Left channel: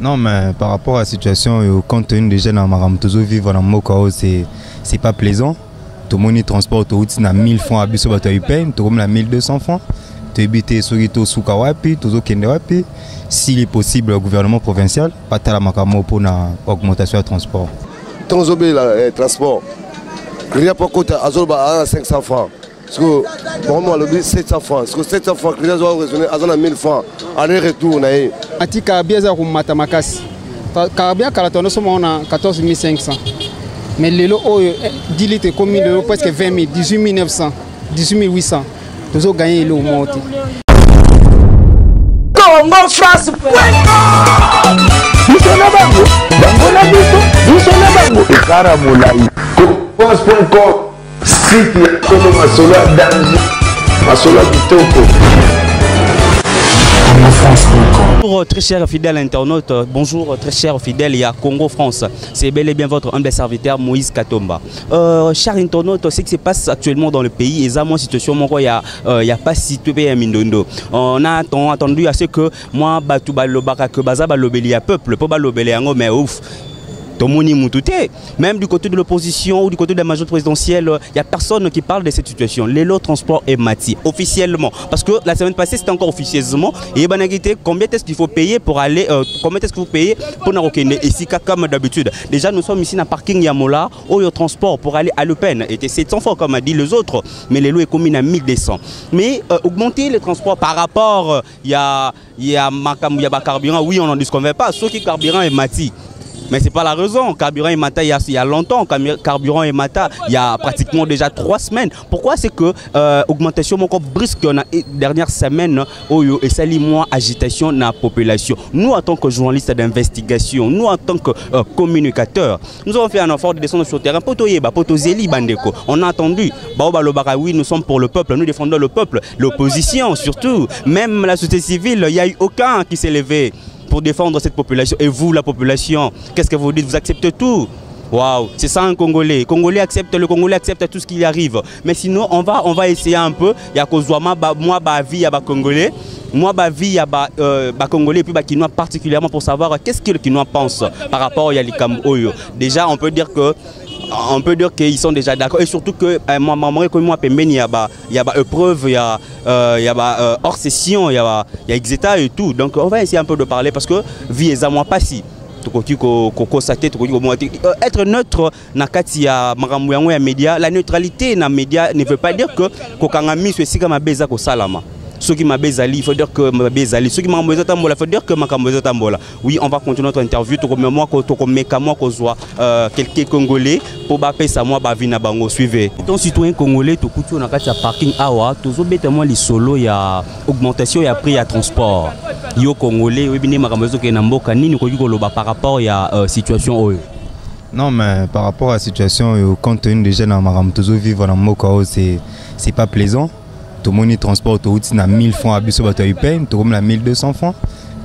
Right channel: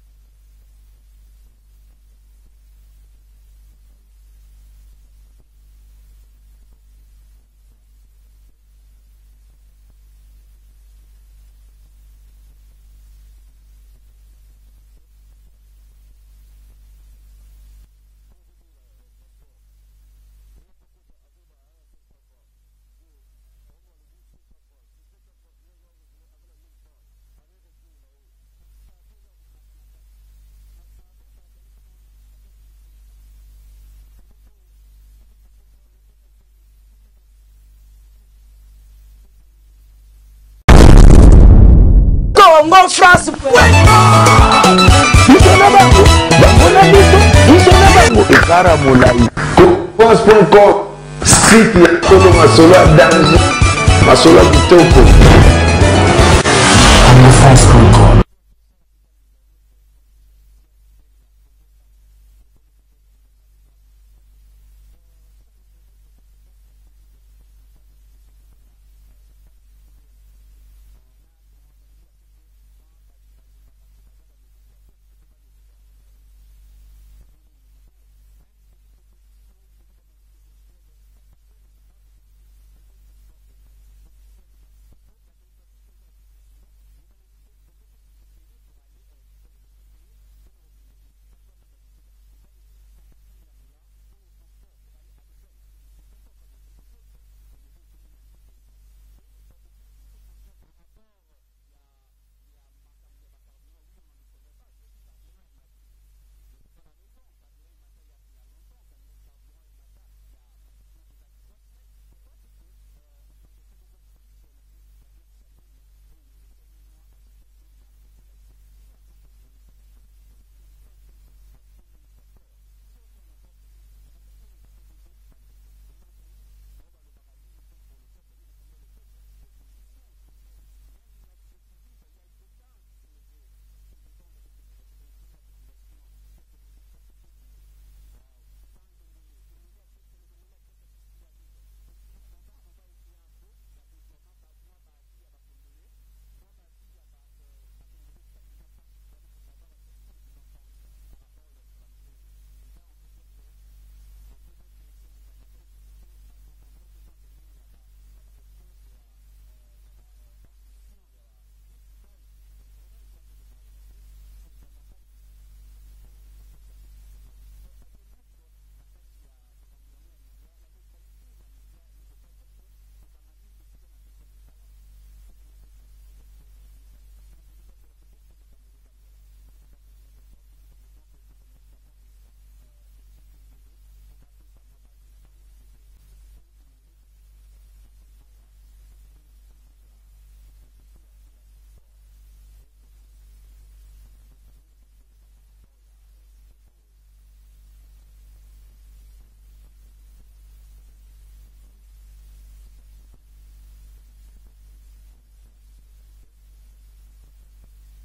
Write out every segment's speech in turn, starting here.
Non, mais par rapport à la situation, compte tenu des jeunes à toujours vivre dans le Mokao, c'est pas plaisant. Tout le monde transport autoroute na 1000 francs à biso bato peine, tout le monde 1200 francs. Tu habites sur Rito Sukawapi, toujours Kendewapi. S'il est possible, le gouvernement provincial, pas la makamo pour une augmentation de transport. Transobé le transport. Il n'y a pas côté à 500 francs. Parce que pour moi, le 700 francs. Parce que 700 francs, les gens ont raisonné à 1000 francs. Aller-retour. Atika bieza kumata makasi. Karabia karatono somo na 14 500. Mais le lot 10 litres comme le presque 20 000, 18 900, 18 800. Tous ont gagné le monté. Congo France. Nous sommes là-bas. Nous sommes là-bas. Caramoulaï. France.com. Site ya Kolo Masola danger. Masola Bitoko. Bonjour très chers fidèles internautes, bonjour très chers fidèles, il y a Congo France. C'est bel et bien votre humble serviteur Moïse Katomba. Chers internautes, ce qui se passe actuellement dans le pays, et ça, moi, situation, il n'y a pas situé à Mindondo. On a attendu à ce que moi, Batou Balobaka, que Baza Balobeli à peuple, pour Balobeli à mais ouf. Même du côté de l'opposition ou du côté de la majorité présidentielle, il n'y a personne qui parle de cette situation. L'élo transport est mati, officiellement. Parce que la semaine passée, c'était encore officieusement. Et combien est-ce qu'il faut payer pour aller, combien est-ce qu'il faut payer pour Narokene ici, comme d'habitude. Déjà, nous sommes ici dans le parking Yamola, où le transport pour aller à Le Pen était 700 francs, comme a dit les autres. Mais l'élo est commis à 1200. Mais augmenter les transports par rapport, il y a carburant, oui, on n'en disconvient pas. Sauf que le carburant est mati. Mais ce n'est pas la raison. Carburant et Mata, il y a longtemps. Carburant et Mata, il y a pratiquement déjà 3 semaines. Pourquoi? C'est que augmentation encore brusque dans les dernières semaines et ça lit moins agitation dans la population. Nous, en tant que journalistes d'investigation, nous, en tant que communicateurs, nous avons fait un effort de descendre sur le terrain. On a entendu. Oui, nous sommes pour le peuple. Nous défendons le peuple. L'opposition, surtout. Même la société civile, il n'y a eu aucun qui s'est levé pour défendre cette population. Et vous, la population, qu'est-ce que vous dites? Vous acceptez tout? Waouh, c'est ça un Congolais. Le Congolais accepte tout ce qui arrive. Mais sinon, on va essayer un peu. Il y a moi, vie, il y a Congolais. Moi, vie, il y a Congolais et puis Kinois particulièrement pour savoir qu'est-ce que le Kinois pense par rapport à Yalikam Oyo. Déjà, on peut dire qu'ils sont déjà d'accord et surtout que il y a épreuve, il y a hors session, il y a Exeta et tout. Donc on va essayer un peu de parler parce que vie est à moi pas si. Être neutre dans les médias, la neutralité dans les médias ne veut pas dire que Kokangami soit si comme un baiser au salama. Ceux qui m'ont il faut dire que ma bezali. Ceux qui m'ont il faut dire que ma tambola. Oui, on va continuer notre interview. Quelques Congolais pour bapper ça moi bavina bango suivez. Ton citoyen congolais to coutu na kati ya parking awa tozo betement li solo ya augmentation ya prix ya transport. Yo congolais oui bini makambo ke na mboka nini ko koloba par rapport ya situation oyo. Non, mais par rapport à la situation, compte tenu des jeunes à toujours vivre dans le Mokao, c'est pas plaisant. Tout le monde transport autoroute na 1000 francs à biso bato peine, tout le monde 1200 francs.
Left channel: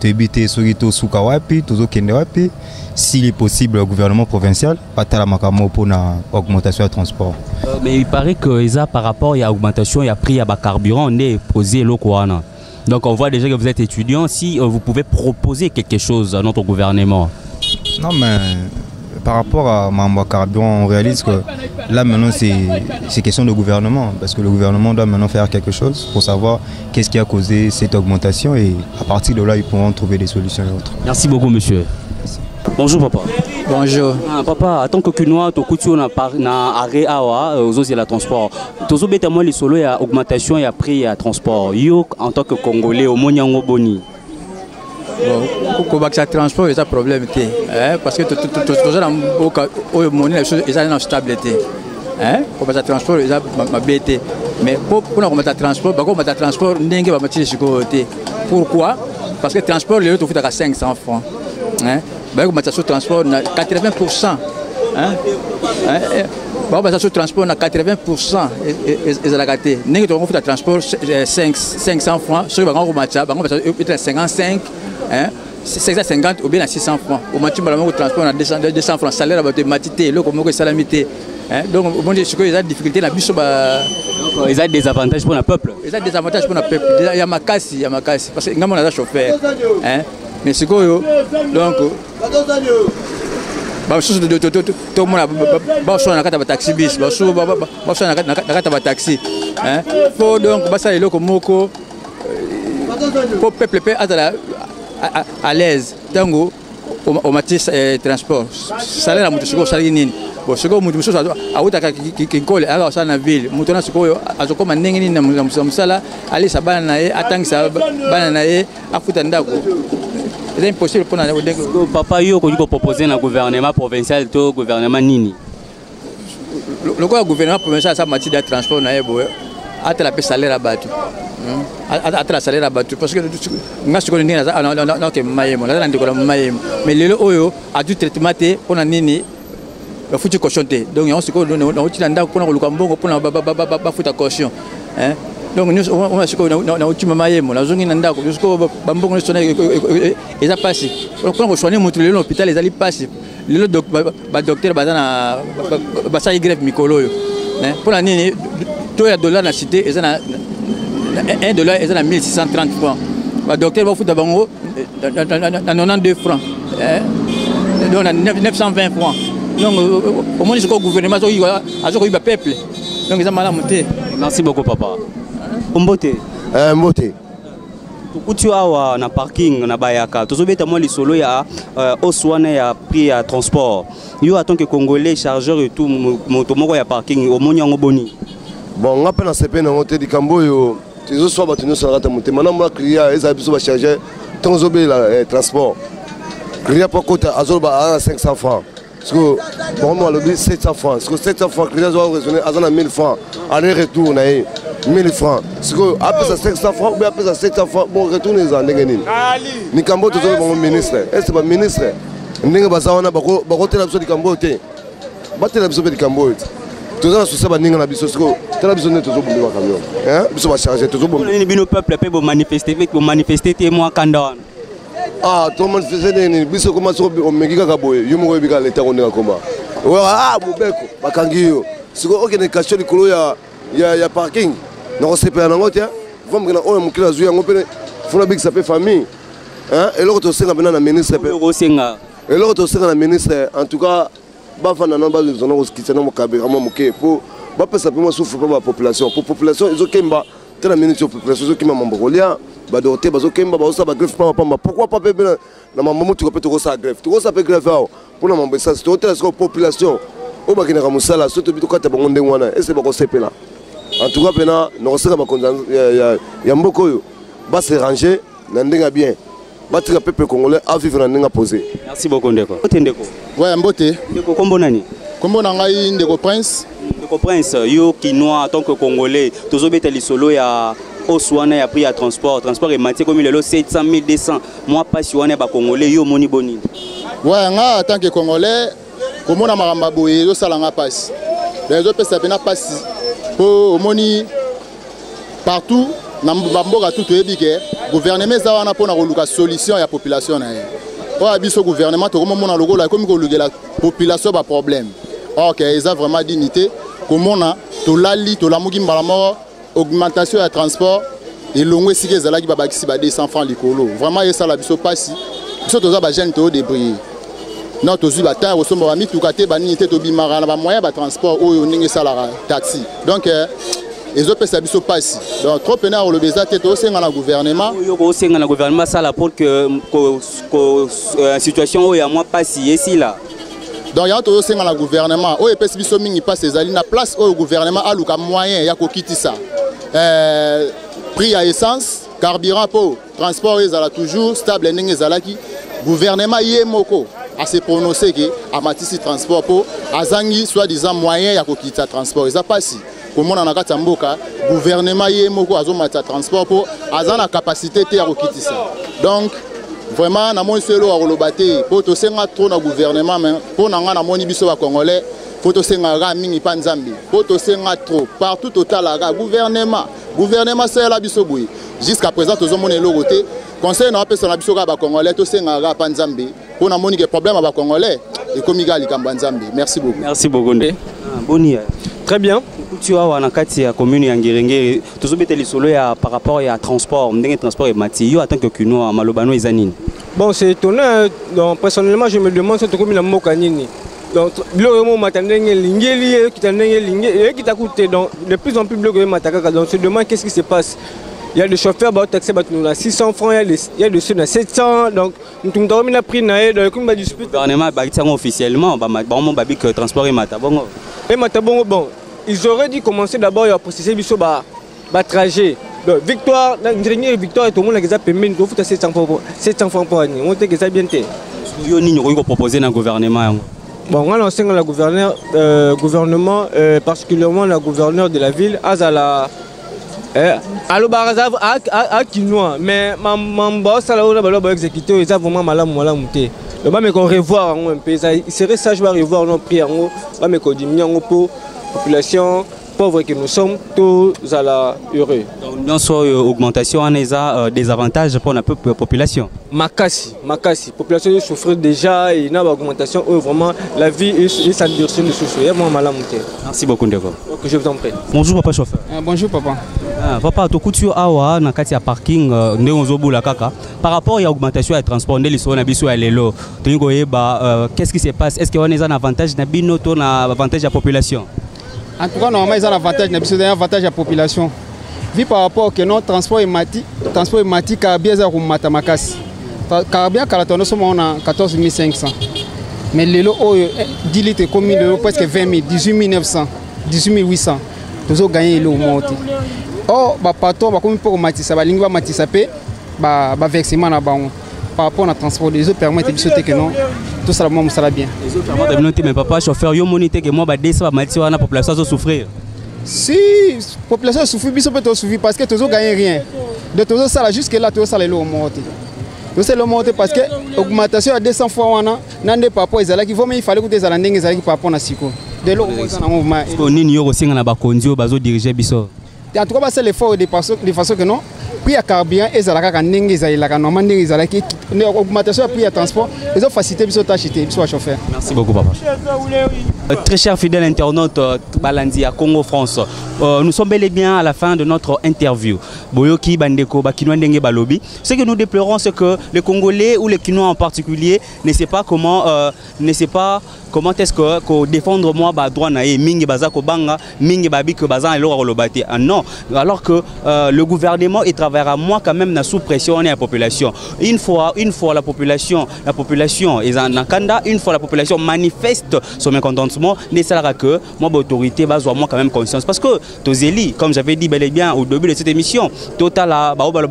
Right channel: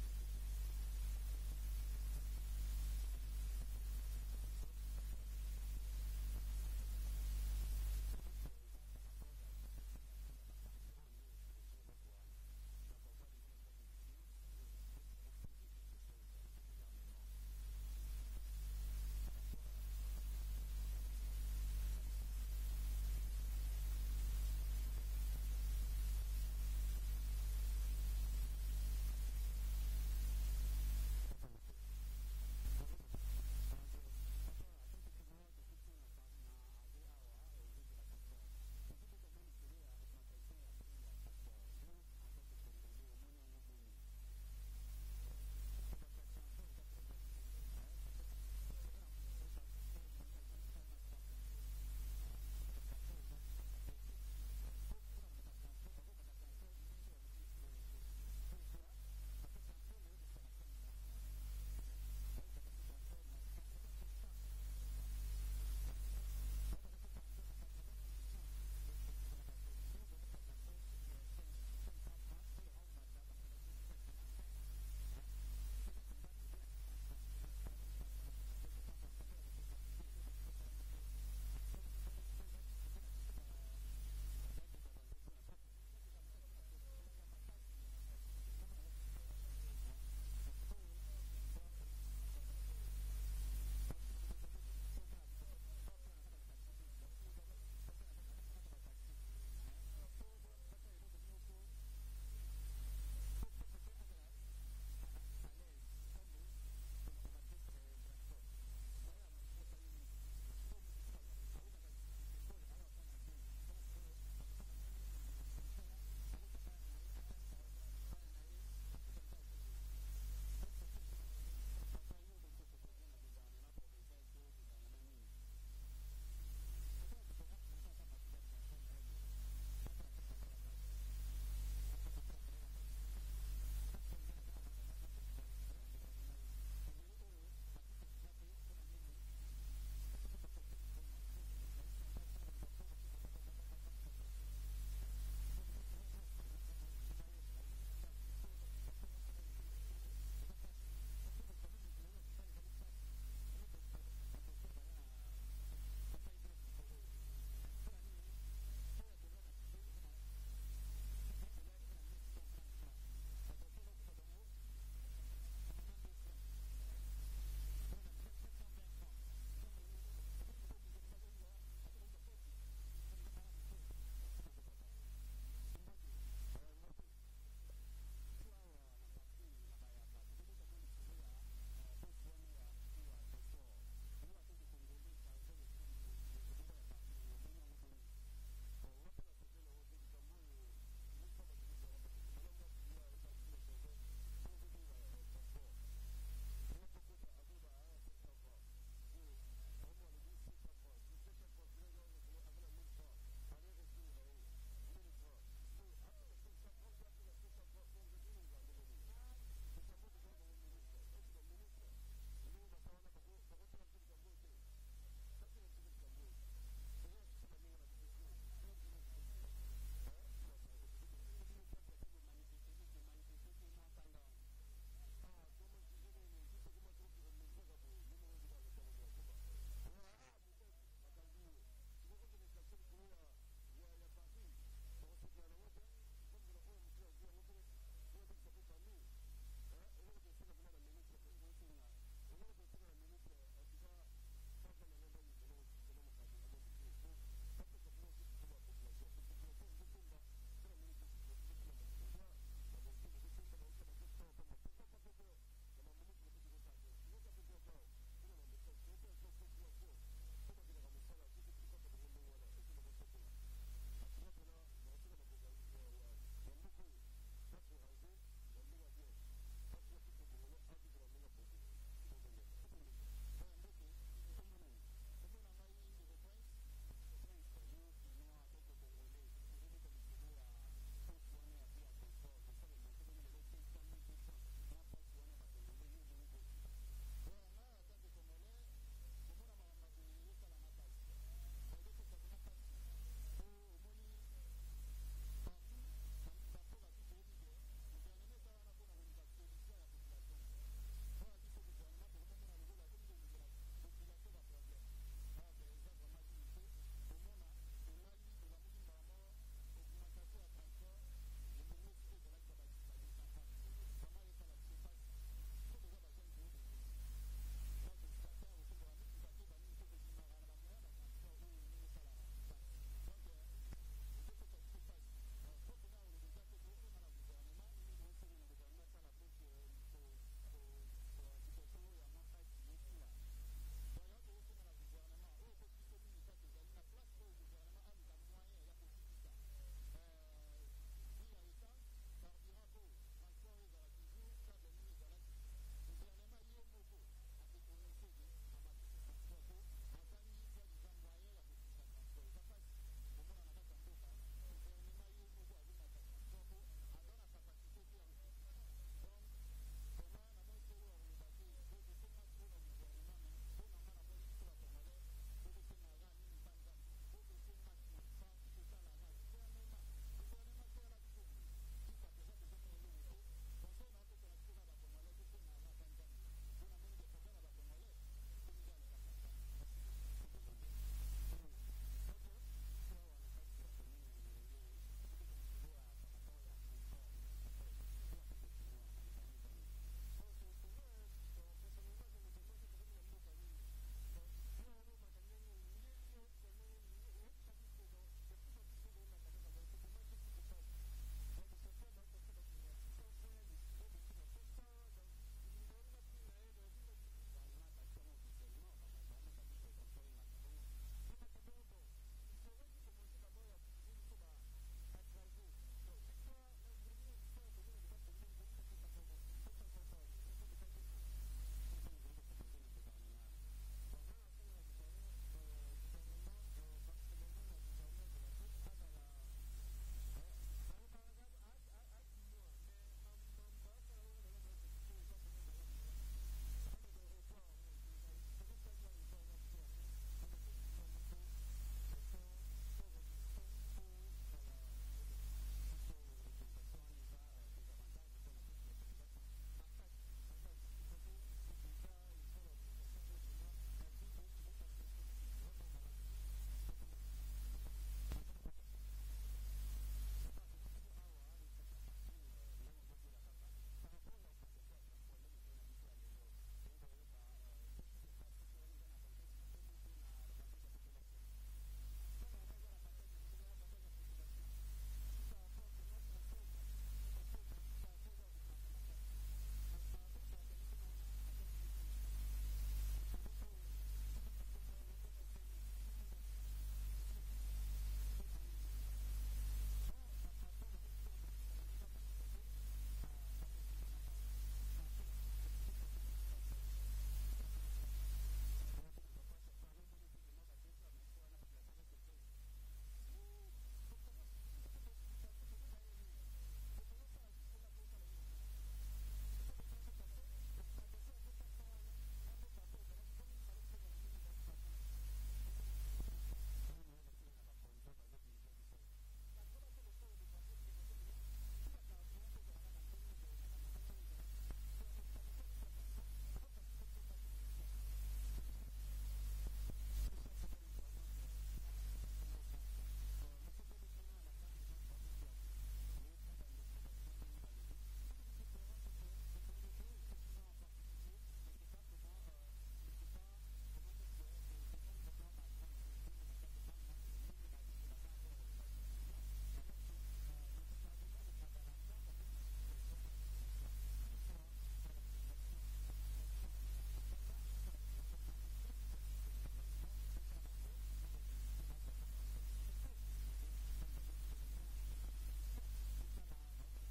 Tu habites sur Rito Sukawapi, toujours Kendewapi. S'il est possible, le gouvernement provincial, pas la makamo pour une augmentation de transport. Mais il paraît que par rapport à l'augmentation, il y a prix à carburant, on est posé le Kouana. Donc on voit déjà que vous êtes étudiant, si vous pouvez proposer quelque chose à notre gouvernement. Non, mais par rapport à Mamba Carburant, on réalise que là maintenant c'est question de gouvernement, parce que le gouvernement doit maintenant faire quelque chose pour savoir qu'est-ce qui a causé cette augmentation et à partir de là ils pourront trouver des solutions et autres. Merci beaucoup monsieur. Merci. Bonjour papa. Bonjour. Papa, en tant que Kinois, tu as arrêt aux autres la transport. Tu as bêtement les solos, il y a augmentation, il y a prix, il y a transport. Yo en tant que Congolais, au Monyango Boni. Pour que ça transport, il y a un problème. Parce que tout le monde est en stabilité. Pour que ça transport, il y a un bête. Mais pour que transport, pourquoi? Parce que le transport, il est à 500 francs. Le transport, 80%. Le transport, 80%. Le transport, 500 francs. Sur le 55. 650 ou bien à 600 francs. Au match, le transport a 200 francs. Salaire à matité, le comme salamité. Donc, on dit qu'il y a des difficultés. Il y a des avantages pour le peuple. Il y a des avantages pour le peuple. Il y a ma casse. Parce que nous sommes chauffeurs. mais sikoyo donc basusu tomona basona na kati ya taxi bis basusu basona na kati ya taxi hein po donc basala eloko moko po peuple pe atala à l'aise tango au matis transport salaire la mutu siko salari nini bo siko mutu mususu awutaka kinkole aga osala na ville mutu na sikoyo azokoma ndenge nini na musala alisa bana na ye atangisa bana na ye afuta ndako. C'est impossible pour nous. Papa, yo ko proposer na gouvernement provincial to gouvernement nini? Le gouvernement provincial ça matière de transport na yebo atela pe salaire abatu. Atela salaire abatu parce que ngasko ni na ke mayemo na ndiko na mayemo mais lelo oyo a du traitement te pona nini ba futi caution te donc on se ko na uti ndako pona ko luka mbongo pona ba futa caution hein. Donc nous on a ce qu'on a ultima mayemo la zone ndako nous ko bambongo ne sona eza passé quand on soigne monter l'hôpital les ali passé le docteur bazana basa grève mikolo yo hein pour la nini to ya dollar na cité eza na $1 eza na 1630 francs ba docteur va fouta bango na 92 francs hein donc na 920 francs donc au moins ce que gouvernement a zo ba peuple donc eza mala monter. Merci beaucoup papa. Mbote. Mbote. Tu as na parking na bayaka. Tu as moi lisolo ya oswana ya prix ya transport. Yo en tant que Congolais chargeur et tout moto moko ya parking au monyango boni. Bon, on appelle na CP na hotel di Kambo yo. Tu zo so batunu so rata monte. Maintenant moi client eza biso ba charger transobe la transport. Client pas kota azoba à 500 francs. Parce que pour moi le 700 francs. Parce que 700 francs client doit raisonner à 1000 francs. Aller retour na 1000 francs. Parce que après ça 500 francs ou après ça 700 francs bon retourner en ndengeni. Ni Kambo to zo ministre. Est ce pas ministre? Ndenge bazawana bako tela biso di Kambo te. Batela biso di Kambo. Tous les soucis bandinga na biso siko. Tela biso ne to zo bomba camion. Hein? Biso ba charger to zo bomba. Ni bino peuple pe bo manifester te moi kanda. Ah, tout le monde faisait des biso comment so o mengika ka boye. Yo mo bika leta ko ndeka komba. Ah, mobeko bakangi yo. Siko okene kasho likolo ya parking. Non c'est pas nango te. Vom kana o mukila zuya ngopene. Funa big ça fait famille. Hein? Et l'autre c'est na ministre pe. Et l'autre c'est na ministre en tout cas bafana na ba zona ko skitsana mo kabira mo muke po ba pesa pe mo souffre pas la population. Pour population ils okemba tena ministre population ils okemba mambolia ba doté ba okemba ba osa ba greffe pas pamba. Pourquoi pas pe na mamu tu ko pe to sa greffe. Tu ko sa pe greffe pour na mambo ça c'est hôtel la population. O ba kina musala surtout bi to kata bango ndengwana et c'est ba ko sepela. En tout cas pena no sera ba konza ya mboko yo ba se ranger na ndenga bien. Battre le peuple congolais à vivre dans un posé. Merci beaucoup Ndeko. Ndeko. Ouais, Mbote. Ndeko kombo nani? Kombo nangai Ndeko Prince. Ndeko Prince, yo kinois en tant que Congolais, tozobeta lisolo ya oswana ya prix ya transport et matière comme le 700 1200. Moi pas si wana ba Congolais yo moni boni. Ouais, nga en tant que Congolais, comme na maramba boye yo salanga passe. Les autres ça pena passe. Pour moni partout na mboka tout ebike gouvernement za wana pona koluka solution ya population na ye o abiso gouvernement to comme mona logola comme ko lugela population ba problème OK ils ont vraiment dignité comment na to lali to lamuki mbala mo augmentation ya transport et longwe sike zalaki ba bakisi ba 200 francs likolo vraiment ça la biso passi biso to za ba jeune to débrouiller non to zu ba ta o somba ba mituka te ba nini te to bimara na ba moyen ba transport oyo ninge sala taxi donc les autres personnes sont pas ici. Donc trop pena au lebeza tête au sein dans le gouvernement. Au sein dans le gouvernement ça là pour que la situation où il y a moi pas ici là. Donc il y a au sein dans le gouvernement. Au EPS biso mingi passe ces alina place au gouvernement a luka moyen ya ko quitter ça. Prix à essence, carburant pour transport ils ala toujours stable ndenge zalaki. Gouvernement yemoko a se prononcer que a matisi transport pour azangi soi-disant moyen ya ko quitter transport. Ils a pas ici. Comment on a gâté mboka gouvernement yemoko azomata transport pour azana capacité te ya kokiti ça donc vraiment na mon selo a rolobate pour to senga trop na gouvernement mais pour nanga na moni biso ba congolais faut to senga ra mingi pa nzambi pour to senga trop partout total la gouvernement c'est la biso boui jusqu'à présent to zomone logoté conseil na pesa na biso ka ba congolais to senga ra pa nzambi pour na moni que problème ba congolais et comme igali kamba nzambi merci beaucoup Boni très bien. Tu as na kati ya commune ya Ngirengere tozobeta lisolo ya par rapport ya transport ndenge transport et mati yo en tant que kuno malobano ezanini Bon, c'est étonnant. Donc, personnellement, je me demande si tu as mis la mokanini. Donc, de plus en plus, donc, on se demande qu'est-ce qui se passe. Il y a des chauffeurs qui ont taxé à 600 francs, il y a des ceux à 700. Donc, nous avons mis la prix. Le gouvernement officiellement, le transport est matabongo. Et matabongo, bon, ils auraient dû commencer d'abord à processer le trajet. Donc, victoire, la dernière victoire, tout le monde a permis de faire 700 francs pour année. On a bien fait. Vous avez proposé dans le gouvernement. Bon, on a lancé le gouvernement, particulièrement le gouverneur de la ville, Azala. Allo Barazav à Kinois, mais mon boss a exécuté, ils ont vraiment mal monté. Le bas me revoir un peu, il serait sage de revoir nos prix en haut, me diminuer en haut, population pauvre que nous sommes, tous à la heureux. Donc, nous avons une augmentation en des avantages pour la population. Makassi, la population souffre déjà et il y a une augmentation où vraiment la vie et sa direction de souffrir. Il y a vraiment mal à monter. Merci beaucoup, Ndeko. Je vous en prie. Bonjour, papa chauffeur. Bonjour, papa. Papa, tu as awa na kati ya parking ndengozobula kaka. Par rapport à l'augmentation du transport, qu'est-ce qui se passe? Est-ce qu'il y a un avantage na bino to na avantage de la population? En tout cas, normalement, ils ont un avantage, un avantage de la population. Vu par rapport au transport ématique, Carabia est à Makassi. Carabia, nous sommes à 14 500. Mais le lot, 10 litres, comme presque 20 000, 18 900, 18 800. Nous avons gagné le monte. Or, patron, comme pour Matissa, Matissa paie, versement par rapport au transport, les autres permettent de sauter que non. Tout ça, ça bien. Les autres permettent de mais papa, chauffeur, yo monité que moi, la population va souffrir. Si la population souffre, ils peuvent souffrir parce que tous ne gagnent rien. De tous ça jusque là, tout ça les lots montent. Tout ça les montent parce que l'augmentation à 200 fois, n'en est pas pour les alaki. Il fallait que les alaki les par rapport à Siko. De l'eau, on a un mouvement. On a aussi un bakondio, bazo diriger biso. En tout cas, c'est l'effort de façon que non. Puis à carburant, ils ont l'augmentation du prix de transport, ils ont facilité les tâches de chauffeur. Merci beaucoup, papa. Très cher fidèle internaute Balandi à Congo France, nous sommes bel et bien à la fin de notre interview. Boyoki Bandeko Bakinois Ndenge Balobi. Ce que nous déplorons, c'est que les Congolais ou les Kinois en particulier ne savent pas comment est-ce que défendre moi droit naé mingi bazako banga mingi babi que bazan et l'orolobate. Non, alors que le gouvernement il travaillera moi quand même sous pression on est la population. Une fois la population et Nakanda, une fois la population manifeste son mécontentement, ne sera que moi l'autorité va avoir moi quand même conscience parce que Tozeli, comme j'avais dit bel et bien au début de cette émission, total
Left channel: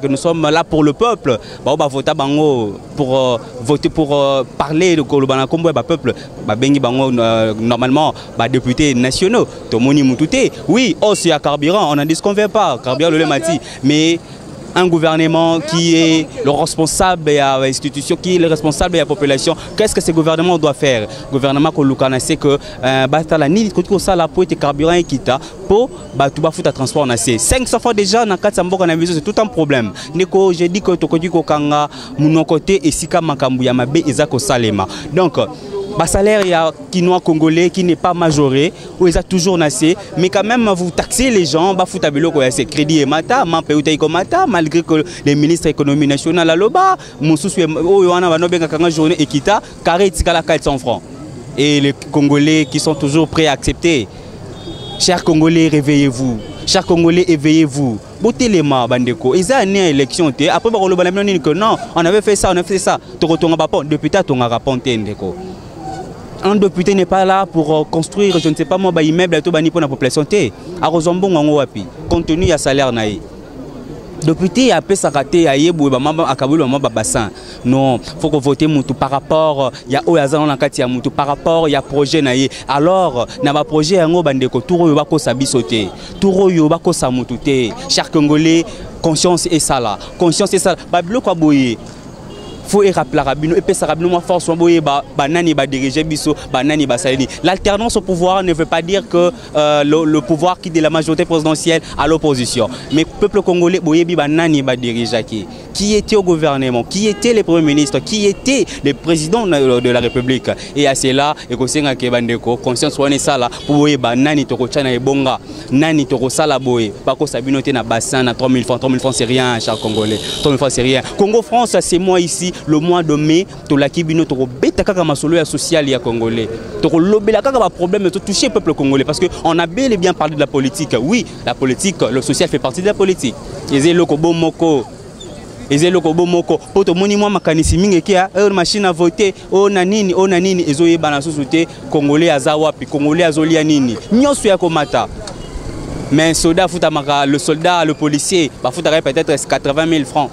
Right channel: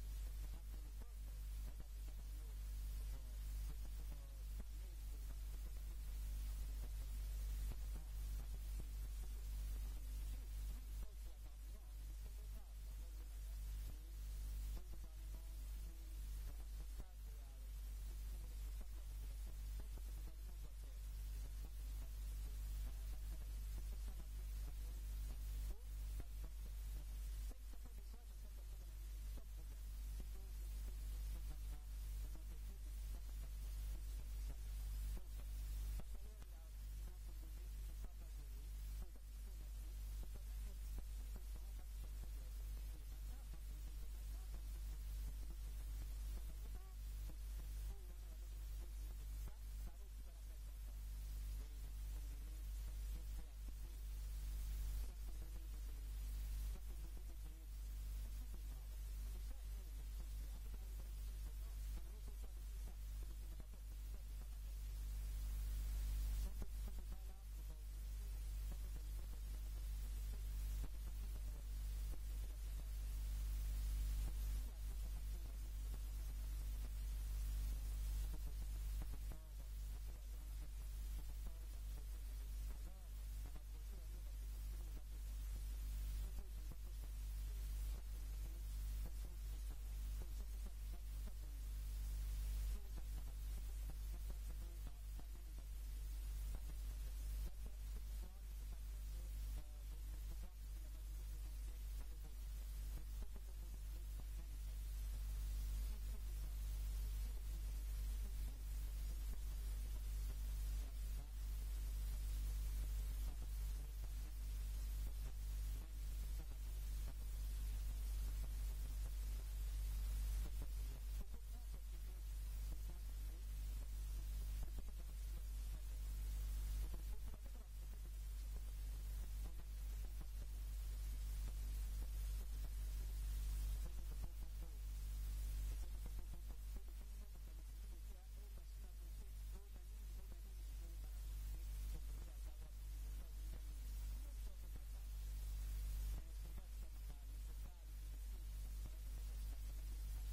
que nous sommes là pour le peuple, voter bango pour voter pour parler de Kolobana Kombo peuple. Normalement, députés nationaux, Tomoni Moutouté, oui, aussi à carburant, on n'en disconvient pas, carburant le mati, mais un gouvernement qui est le responsable de l'institution, qui est le responsable de la population, qu'est-ce que ce gouvernement doit faire? Le gouvernement c'est que la ni ça la pour être carburant et quitta pour tout ba foutre transport na 500 fois déjà na 400 mboka na vision c'est tout un problème. Neko j'ai dit que tokodi ko kanga mon côté et sika makambu ya mabe ezako salema. Donc salaire il y a Kinois congolais qui n'est pas majoré ou ils ont toujours nassé mais quand même vous taxez les gens ba fouta biloko ya crédit et mata malgré que les ministres économie nationale à loba mususu oyo wana banobenga kanga journée ekita carré tikala 400 francs et les Congolais qui sont toujours prêts à accepter. Chers Congolais, réveillez-vous. Chers Congolais, éveillez-vous. Botelema bandeko. Ils ont une élection. Après que non, on avait fait ça, on a fait ça. Depuis ta ton raponté ndeko. Un député n'est pas là pour construire, je ne sais pas moi, un immeuble à tout pour la population. À Rosombon, on a compte tenu à salaire naï. Député a sa raté à Yébou à Kaboul bassin. Non, faut que voter Moutou par rapport il y a Oyazan en Katia Moutou par rapport il y a projet naïe. Alors n'a pas projet un gros bandeko Touro Yobako Sabisoté. Touro Yobako Samoutouté. Cher Congolais, conscience et ça là. Conscience et ça. Bablo Kwaboye. Faut rappeler rabino et ça rabino moi force boye banani ba diriger biso banani ba salini. L'alternance au pouvoir ne veut pas dire que le pouvoir qui de la majorité présidentielle à l'opposition. Mais peuple congolais boye bi banani ba diriger qui était au gouvernement, qui était les premiers ministres, qui était les présidents de la République. Et à cela et ko senga ke bandeko conscience wane sala pour boye banani to ko chana ebonga nani to ko sala boye pas ko sabino te na bassin na 3000 francs c'est rien cher congolais. 3000 francs c'est rien. Congo France c'est moi ici le mois de mai tolaki bino to beta kaka masolo ya social ya congolais to lobela kaka ba problème de toucher le peuple congolais parce que on a bel et bien parlé de la politique. Oui, la politique, le social fait partie de la politique. Ezé loko bomoko ezelo ko bomoko poto moni mwa makanisi mingi kia machine à voter ona nini ezoye bana sosote congolais azawapi congolais azolia nini nyonso ya komata. Mais soldat futamaka le soldat le policier ba futaka peut-être 80 000 francs.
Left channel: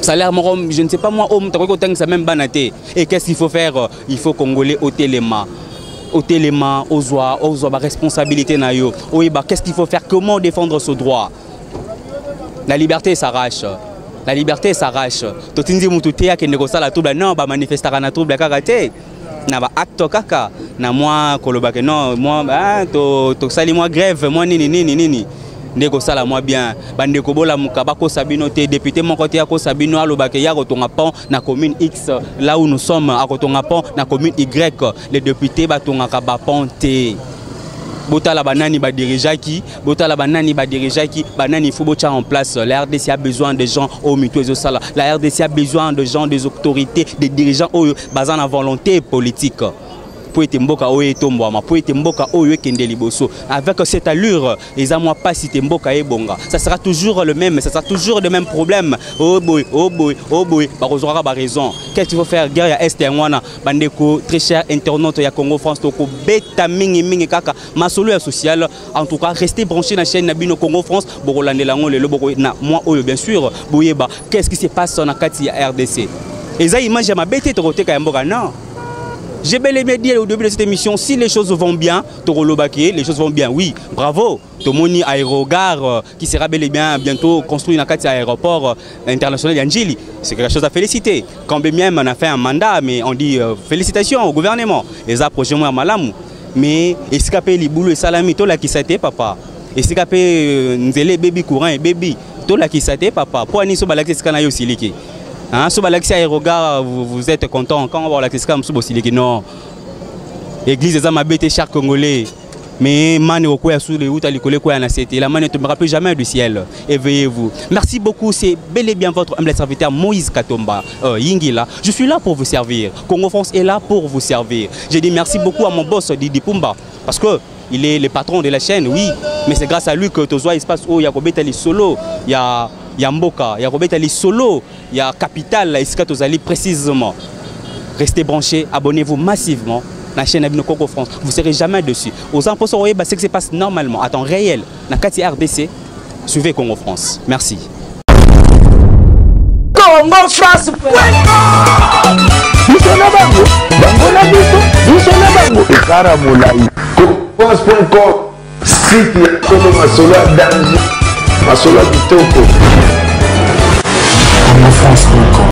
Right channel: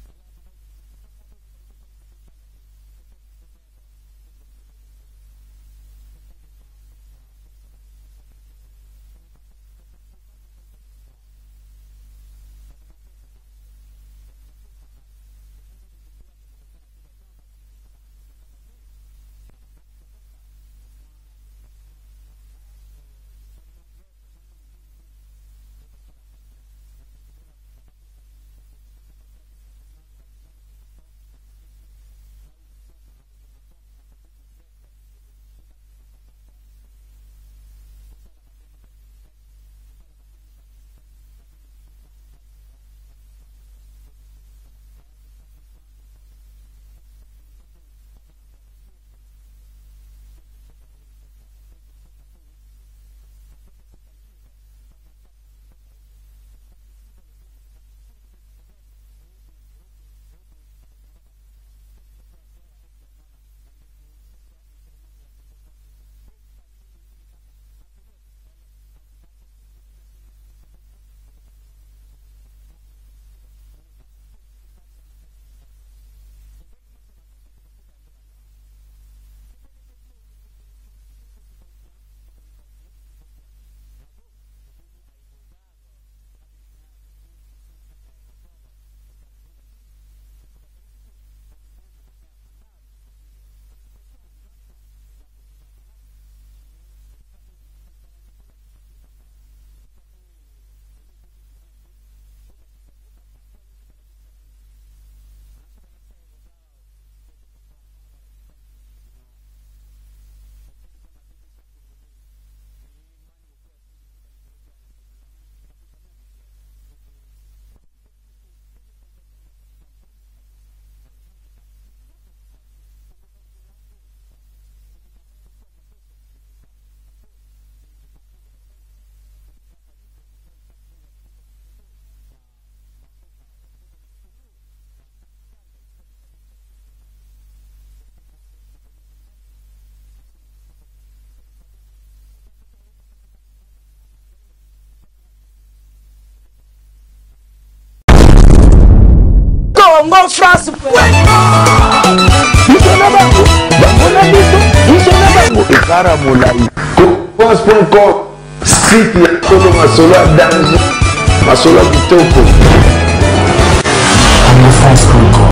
Salaire je ne sais pas moi ça même banaté. Et qu'est-ce qu'il faut faire? Il faut congolais ôter les mains. Ôter les mains aux oies ba responsabilité na yo. Oui bah qu'est-ce qu'il faut faire? Comment défendre ce droit? La liberté s'arrache. La liberté s'arrache. Totinzi mututea ke negosa la trouble non ba manifestera na trouble kakate. Na ba acte kaka na moi kolobake non moi to sali moi grève moi nini ndeko sala moi bien bande ko bola mukaba ko sabino te député mon côté ko sabino alobake ya kotonga pont na commune X là où nous sommes à kotonga pont na commune Y les députés batonga ka ba ponté botala banani ba dirigeaki botala banani ba dirigeaki banani faut bocha en place. La RDC a besoin de gens au mutuo sala. La RDC a besoin de gens, des autorités, des dirigeants au basant la volonté politique. Pour être mboka oye tombwama, pour être mboka oye kendeli boso. Avec cette allure, les amours pas si mboka e bonga. Ça sera toujours le même, ça sera toujours le même problème. Oh boy, barozora ba raison. Qu'est-ce qu'il faut faire? Guerre ya est wana bandeko très cher internaute ya Congo France toko beta mingi kaka masolo ya social. En tout cas, restez branchés dans la chaîne Nabino Congo France. Borolande lango le boko na moi oyo bien sûr. Boyeba, qu'est-ce qui se passe na kati ya RDC? Et ça image ma bête to côté ka mboka non. J'ai bel et bien dit au début de cette émission, si les choses vont bien, les choses vont bien, oui, bravo. Tomoni aérogare qui sera bel et bien bientôt construit dans un aéroport international d'Angeli. C'est quelque chose à féliciter. Quand bien même on a fait un mandat, mais on dit félicitations au gouvernement. Les approches moi malamu. Mais escapé les boulots et salami, tout là qui s'était papa. Escapé nzele baby courant et baby, tout là qui s'était papa. Pour ani so balaki skanayo siliki. Hein, sur l'Alexis Aérogare, vous êtes content quand on va l'Alexis comme Sobosiliki non. Église des Amabété chers Congolais. Mais mani okoya sous les routes à l'école quoi na c'était la mani ne tombera plus jamais du ciel. Éveillez-vous. Merci beaucoup, c'est bel et bien votre humble serviteur Moïse Katomba Yingila. Je suis là pour vous servir. Congo France est là pour vous servir. J'ai dit merci beaucoup à mon boss Didi Pumba parce que il est le patron de la chaîne, oui, mais c'est grâce à lui que Tozoa il se passe où il y a Kobetali solo, il y a Mboka, il y a Kobetali solo, il y a Capital, il y a Tozali précisément. Restez branchés, abonnez-vous massivement à la chaîne Nabino Congo France. Vous ne serez jamais dessus. Aux impôts, ce qui se passe normalement, à temps réel, dans la RDC, suivez Congo France. Merci. Congo France. France.com, site ya Solo Masolo danger, Masolo kitoko. Congo France.com.